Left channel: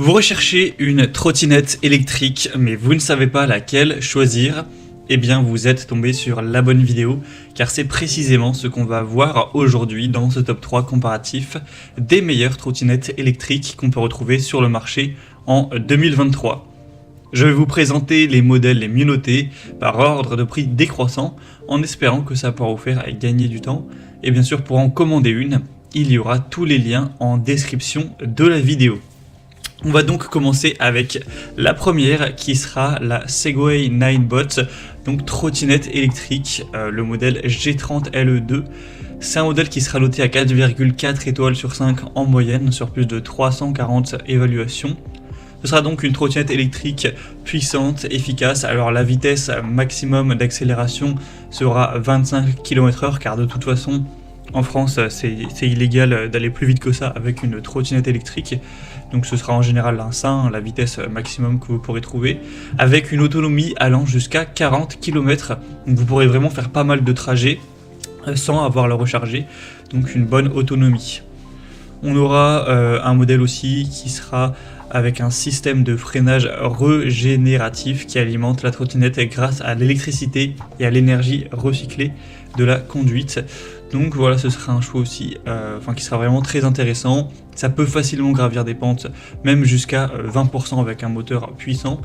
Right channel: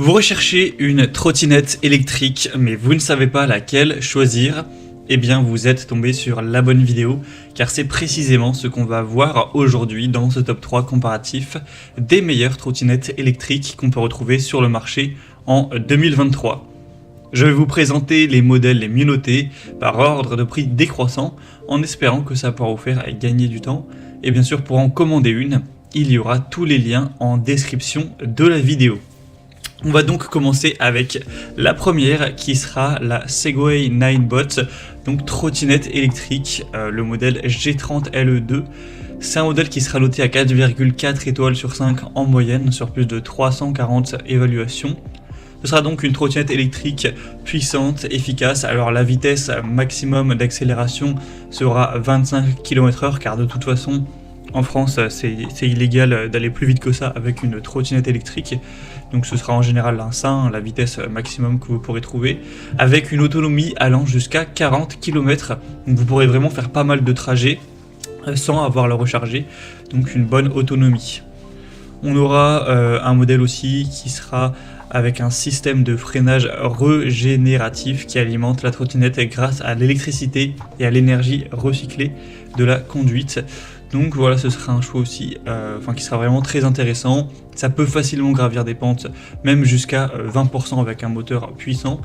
Vous recherchez une trottinette électrique, mais vous ne savez pas laquelle choisir? Eh bien, vous êtes tombé sur la bonne vidéo, car c'est précisément ce qu'on va voir aujourd'hui dans ce top 3 comparatif des meilleures trottinettes électriques qu'on peut retrouver sur le marché en 2023. Je vais vous présenter les modèles les mieux notés par ordre de prix décroissant, en espérant que ça pourra vous faire gagner du temps. Et bien sûr, pour en commander une, il y aura tous les liens en description de la vidéo. On va donc commencer avec la première qui sera la Segway Ninebot, donc trottinette électrique, le modèle G30 LE2. C'est un modèle qui sera noté à 4,4 étoiles sur 5 en moyenne sur plus de 340 évaluations. Ce sera donc une trottinette électrique puissante, efficace. Alors la vitesse maximum d'accélération sera 25 km/h car de toute façon en France c'est illégal d'aller plus vite que ça avec une trottinette électrique. Donc ce sera en général la vitesse maximum que vous pourrez trouver, avec une autonomie allant jusqu'à 40 km. Donc vous pourrez vraiment faire pas mal de trajets sans avoir le recharger, donc une bonne autonomie. On aura un modèle aussi qui sera avec un système de freinage régénératif qui alimente la trottinette grâce à l'électricité et à l'énergie recyclée de la conduite. Donc voilà, ce sera un choix aussi qui sera vraiment très intéressant. Ça peut facilement gravir des pentes, même jusqu'à 20% avec un moteur puissant.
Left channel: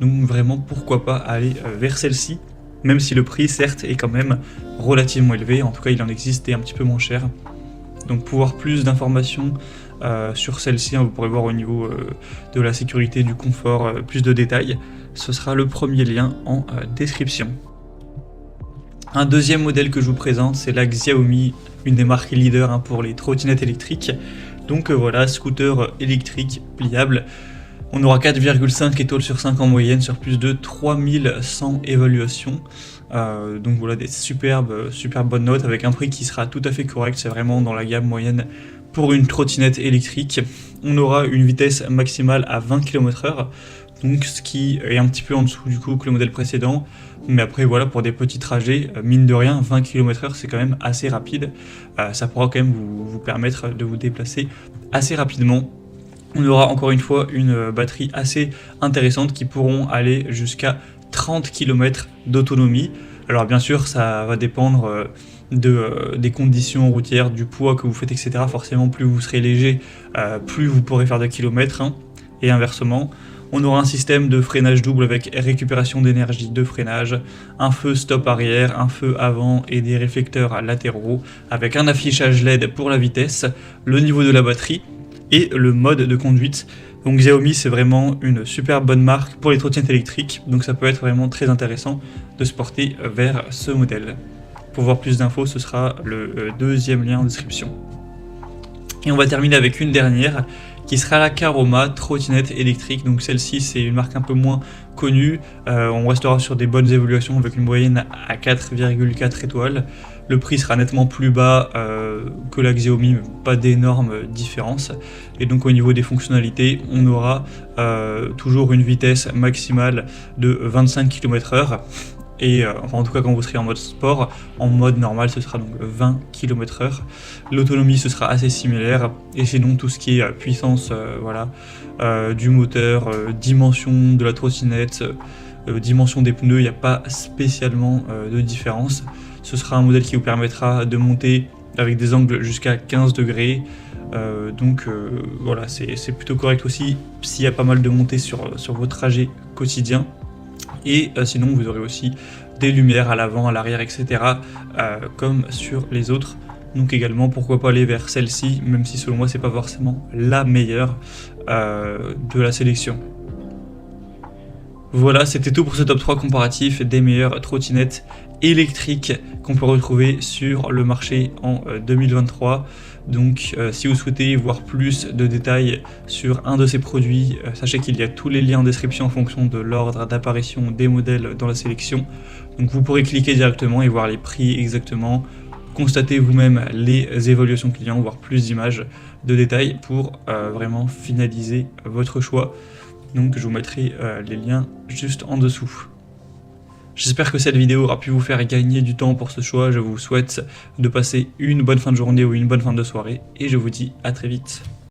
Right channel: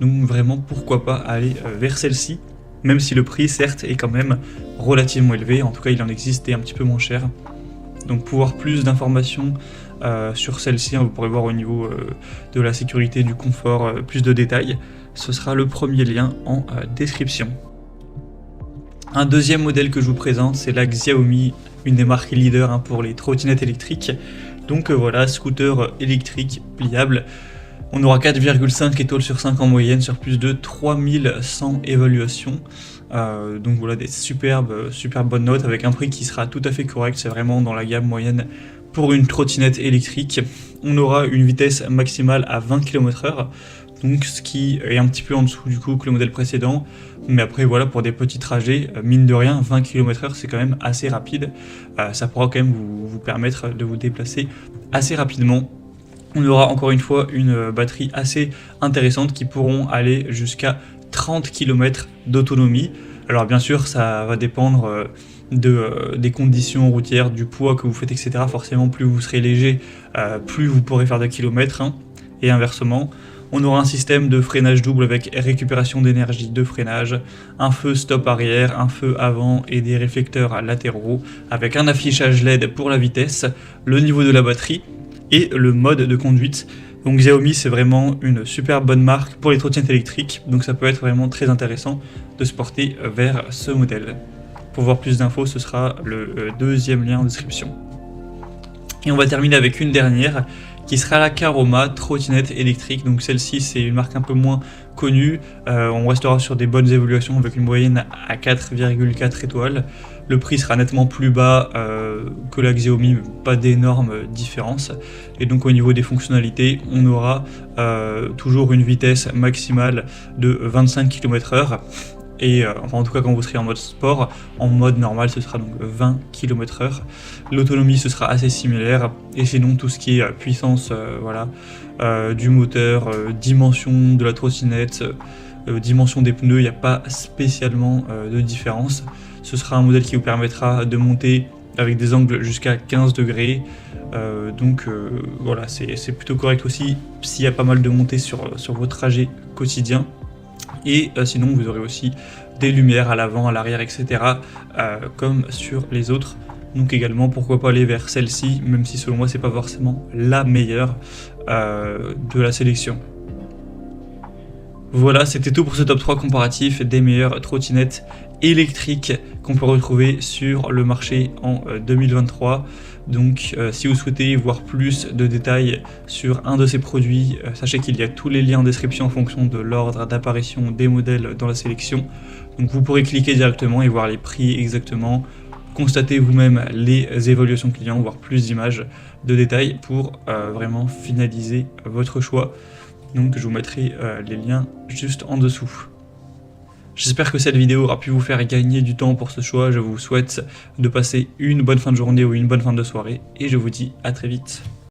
Donc vraiment, pourquoi pas aller vers celle-ci, même si le prix, certes, est quand même relativement élevé. En tout cas, il en existe des un petit peu moins cher. Donc pour avoir plus d'informations sur celle-ci, vous pourrez voir au niveau de la sécurité, du confort, plus de détails. Ce sera le premier lien en description. Un deuxième modèle que je vous présente, c'est la Xiaomi, une des marques leaders pour les trottinettes électriques. Donc voilà, scooter électrique pliable. On aura 4,5 étoiles sur 5 en moyenne sur plus de 3100 évaluations. Donc voilà, des super bonnes notes avec un prix qui sera tout à fait correct, c'est vraiment dans la gamme moyenne pour une trottinette électrique. On aura une vitesse maximale à 20 km/h, donc ce qui est un petit peu en dessous du coup que le modèle précédent. Mais après voilà, pour des petits trajets, mine de rien, 20 km/h c'est quand même assez rapide. Ça pourra quand même vous permettre de vous déplacer assez rapidement. On aura encore une fois une batterie assez intéressante qui pourront aller jusqu'à 30 km d'autonomie. Alors bien sûr, ça va dépendre des conditions routières, du poids que vous faites, etc. Forcément, plus vous serez léger, plus vous pourrez faire de kilomètres, et inversement. On aura un système de freinage double avec récupération d'énergie de freinage, un feu stop arrière, un feu avant et des réflecteurs latéraux, avec un affichage LED pour la vitesse, le niveau de la batterie et le mode de conduite. Donc Xiaomi, c'est vraiment une super bonne marque pour les trottinettes électriques, donc ça peut être vraiment très intéressant de se porter vers ce modèle. Pour voir plus d'infos, ce sera le deuxième lien en description. Et on va terminer avec une dernière, qui sera la Caroma trottinette électrique. Donc celle-ci, c'est une marque un peu moins connue. On restera sur des bonnes évaluations avec une moyenne à 4,4 étoiles. Le prix sera nettement plus bas que la Xiaomi, pas d'énormes différences. Et donc au niveau des fonctionnalités, on aura toujours une vitesse maximale de 25 km/h. Et en tout cas quand vous serez en mode sport, en mode normal ce sera donc 20 km/h. L'autonomie ce sera assez similaire, et c'est donc tout ce qui est puissance du moteur, dimension de la trottinette, dimension des pneus, il n'y a pas spécialement de différence. Ce sera un modèle qui vous permettra de monter avec des angles jusqu'à 15 degrés, voilà, c'est plutôt correct aussi s'il y a pas mal de montées sur vos trajets quotidiens. Et sinon vous aurez aussi des lumières à l'avant, à l'arrière, etc. Comme sur les autres. Donc également pourquoi pas aller vers celle-ci, même si selon moi c'est pas forcément la meilleure de la sélection. Voilà, c'était tout pour ce top 3 comparatif des meilleures trottinettes électriques qu'on peut retrouver sur le marché en 2023. Donc si vous souhaitez voir plus de détails sur un de ces produits, sachez qu'il y a tous les liens en description en fonction de l'ordre d'apparition des modèles dans la sélection. Donc vous pourrez cliquer directement et voir les prix exactement, constater vous-même les évaluations clients, voir plus d'images de détails pour vraiment finaliser votre choix. Donc je vous mettrai les liens juste en dessous. J'espère que cette vidéo aura pu vous faire gagner du temps pour ce choix. Je vous souhaite de passer une bonne fin de journée ou une bonne fin de soirée et je vous dis à très vite.